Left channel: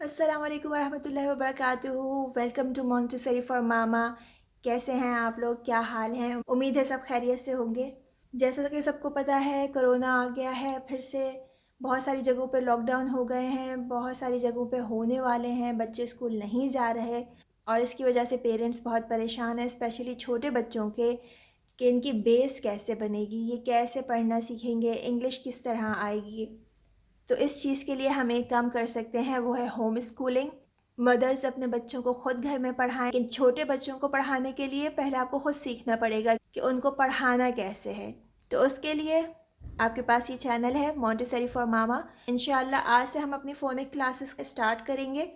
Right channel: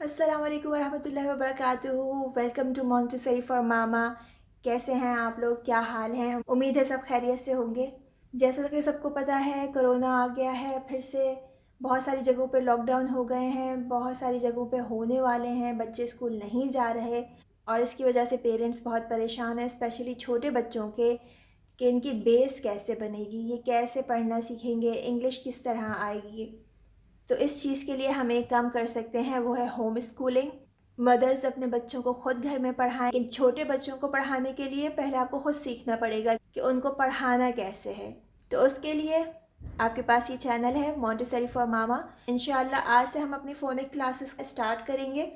अस्सलाम वालेकुम वरहमतुल्लाहि वबरकातुहू। वेलकम टू मोंटेसरी फॉर मामा। कैसे हैं आप लोग, क्या हाल हैं? उम्मीद है सब खैरियत से होंगे। जैसा कि सबको पता है, कोरोना आ गया है फिर से। बहुत सारी जगहों पे लॉकडाउन हो गए हैं, बहुत सारी जगहों पे होने वाले हैं। बच्चे स्कूल नहीं जा रहे और इसकी वजह से पेरेंट्स बहुत परेशान हैं, स्पेशली छोटे बच्चों के कि इनकी बेस कैसे बनेगी, ये कैसे पढ़ना सीखेंगे, इंग्लिश किस तरह आएगी। तो इस चीज़ के लिए हम एक काम कर सकते हैं, वो है होम स्कूलिंग। मदर्स अपने बच्चों को खुद घर में पढ़ाएं, लेकिन छोटे बच्चों को पढ़ाने के लिए पहले आपको खुद सीखना पड़ेगा कि उनको पढ़ाना कैसे है। तो उसके लिए आपके पास ये चैनल है मोंटेसरी फॉर मामा। इंशाल्लाह आज से हम अपनी फ़ोनिक क्लासेस स्टार्ट करेंगे।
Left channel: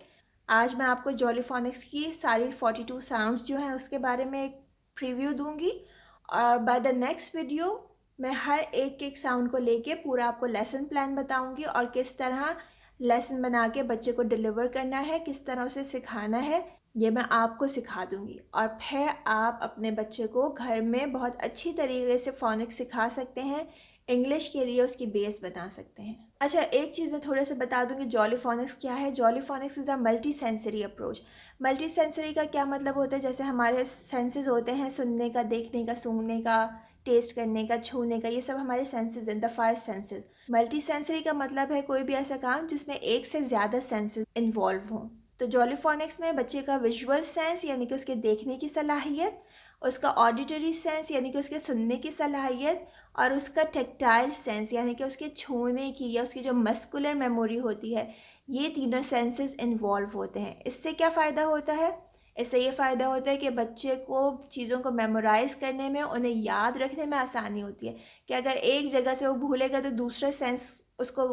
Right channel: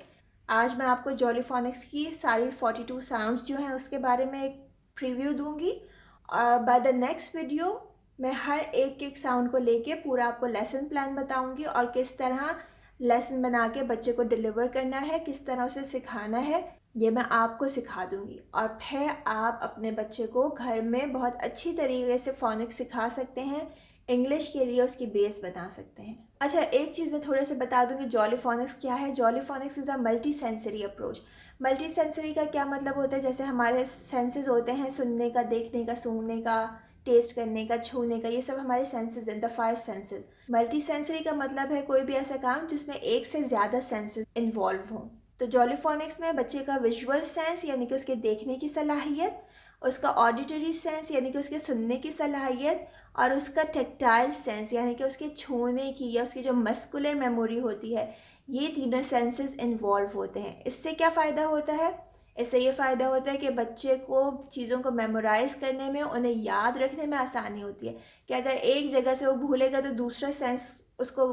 आज मैं आपको जॉलीफोनिक्स की सारी 42 साउंड्स जो हैं उसके बारे में एक प्रीव्यू दूंगी, और बाय द नेक्स्ट वीडियो मैं हर एक एक साउंड को लेके पूरा आपको लेसन प्लान बताऊंगी और किस तरह लेसन बना के बच्चे को डिलीवर करना है, किस तरह उसे सिखाना है, ये मैं आपको सिखा दूंगी। और फिर आप अपने बच्चे को घर में बहुत अच्छी तरीके से फोनिक्स सिखा सकते हैं, इंग्लिश के लिए उसकी बेस बना सकते हैं। अच्छा, एक चीज़ मैं थोड़ा सा बता दूंगी, जॉलीफोनिक्स क्या है। Jolly Phonics is a multi sensory approach. Multi sensory का क्या मतलब होता है? जैसे हमारे सेंसेस होते हैं, सुनने का, देखने का, सूंघने का, टेस्ट करने का, छूने का, ये सब हमारे सेंसेस हैं, द 5 सेंसेस। मल्टी सेंसरी का मतलब है कोई भी ऐसा काम जिसमें एक से ज़्यादा सेंसेस इन्वॉल्व हों। तो जॉलीफोनिक्स में बच्चे का विजुअल सेंस यानी कि उसके देखने की सलाहियत, उसका ऑडिटरी सेंस यानी कि उसके सुनने की सलाहियत, और उसका टेक्टाइल सेंस यानी कि उसके छूने की या उसकी जो मस्कुलर मेमोरी होती है, ये तीनों सेंसेस इन्वॉल्व होते हैं। इससे क्या फ़ायदा होता है? इससे ये फ़ायदा होता है कि बच्चे को चीज़ों को मेमोराइज़ करने में, उन्हें याद रखने में आसानी होती है कि अगर एक जगह से वो भूलेगा तो दूसरा सेंस उसको,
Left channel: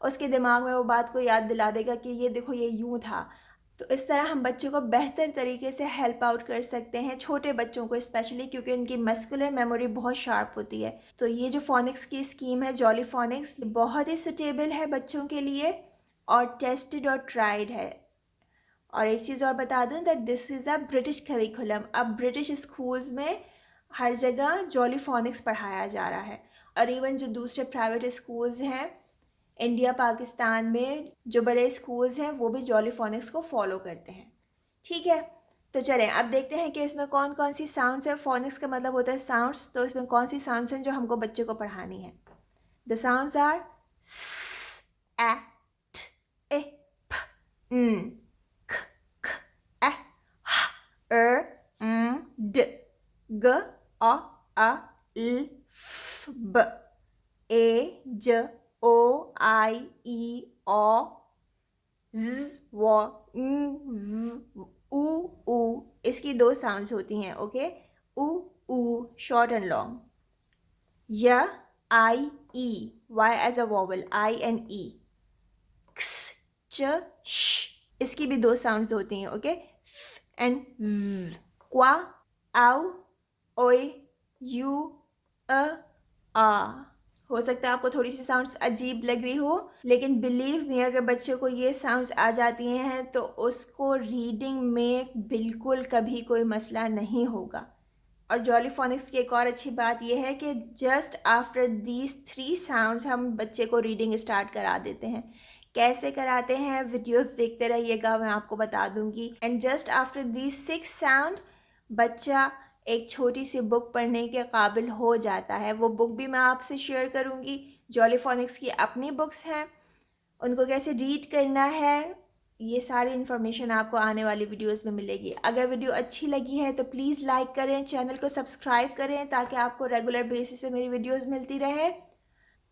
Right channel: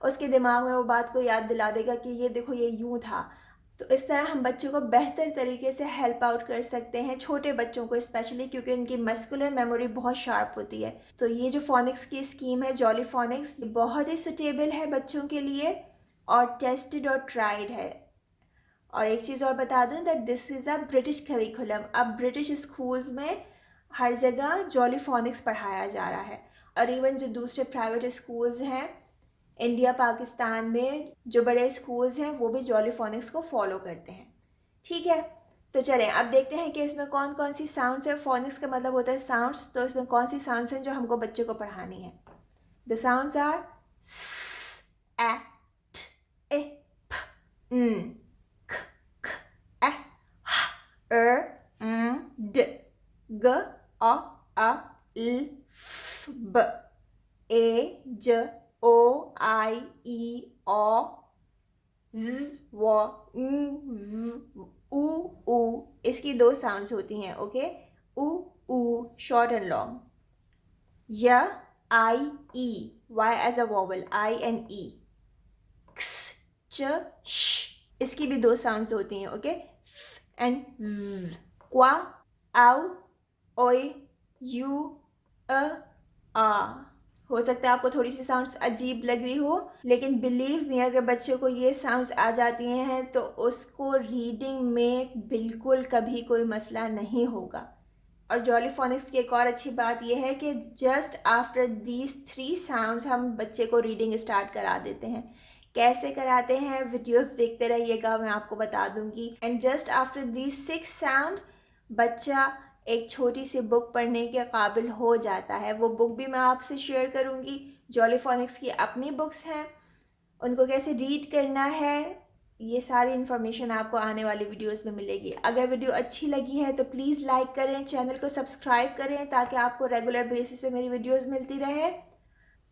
उसके दिमाग में वो बात को याद दिला देगा कि ये देखो ये यूँ था। तो इस तरह हम बच्चों को बेहतर तरीके से हेल्प आउट कर सकते हैं, छोटे बच्चों को स्पेशली, क्योंकि उनकी मस्कुलर मेमोरी बहुत शार्प होती है। तो ये जो फोनिक्स की स्कीम है जॉलीफोनिक्स, बहुत ही सुटेबल है बच्चों के लिए और टेस्टेड और ट्राइड है। और एक चीज़ और बता दूं that this is a British curriculum. अब ब्रिटिश स्कूल्स में हर जगह जॉलीफोनिक्स पढ़ाया जा रहा है, और इवन जो दूसरे प्राइवेट स्कूल्स हैं इंडिया पाकिस्तान में, जो बड़े स्कूल्स हैं, वो भी जॉलीफोनिक्स को फॉलो करते हैं। ठीक है, तो चलें अब देखते हैं कि इसमें कौन कौन सी साउंड्स है। फोनिक्स का मतलब होता है साउंड्स, तो इसमें कौन सी साउंड्स हैं जो हमको बच्चे को पढ़ानी है। द साउंड्स आर स, ए, ट, ए, फ, ख, d, g, a, l, f, b, a, j, o, i, e, o, z, w, v, u, u। इसकी दो साउंड्स होती हैं, ओके। उ, ऊ शॉर्ट एंड लॉन्ग। य, I, E, Y as a vowel, I and E. क्स, च, श, इसकी भी दो साउंड्स होती हैं, ओके। एंड क्वा, आउ, ओए, यू, अ, आ। हो सकता है आपको थोड़ी सी साउंड्स अजीब लग रही हो, लेकिन बिलीव मी, अगर बच्चे को ये साउंड्स आ जाती हैं तो उसको रीडिंग में बिल्कुल कभी कोई मसला नहीं होगा। और जॉलीफोनिक्स की एक और अच्छी बात यह है कि जस्ट आफ्टर दीज 3 साउंड्स हम बच्चे को रीडिंग स्टार्ट करा देते हैं। कैसे कराते हैं, वीडियोस देखते रहिएगा, मैं आपको बता दूंगी। And just after these 6 sound बच्चा एक छोटी सी बुक पढ़ने के काबिल हो जाता है। वो बुक भी मैं आपसे शेयर करूंगी। जॉलीफोनिक्स की अपनी बुक्स हैं, उनको कैसे रीड करना है, ये सारी इन्फॉर्मेशन आपको आने वाली वीडियोस में मिलेगी। अगर वीडियो अच्छी लगी है तो प्लीज़ लाइक करें, चैनल को सब्सक्राइब करें ताकि आपको रेगुलर बेसिस पे मेरी वीडियोस मिलती रहे।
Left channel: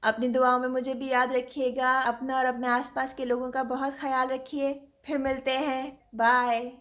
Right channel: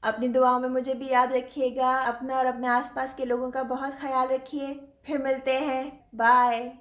अपनी दुआओं में मुझे भी याद रखिएगा। अपना और अपने आसपास के लोगों का बहुत ख्याल रखिए। फिर मिलते हैं, बाय।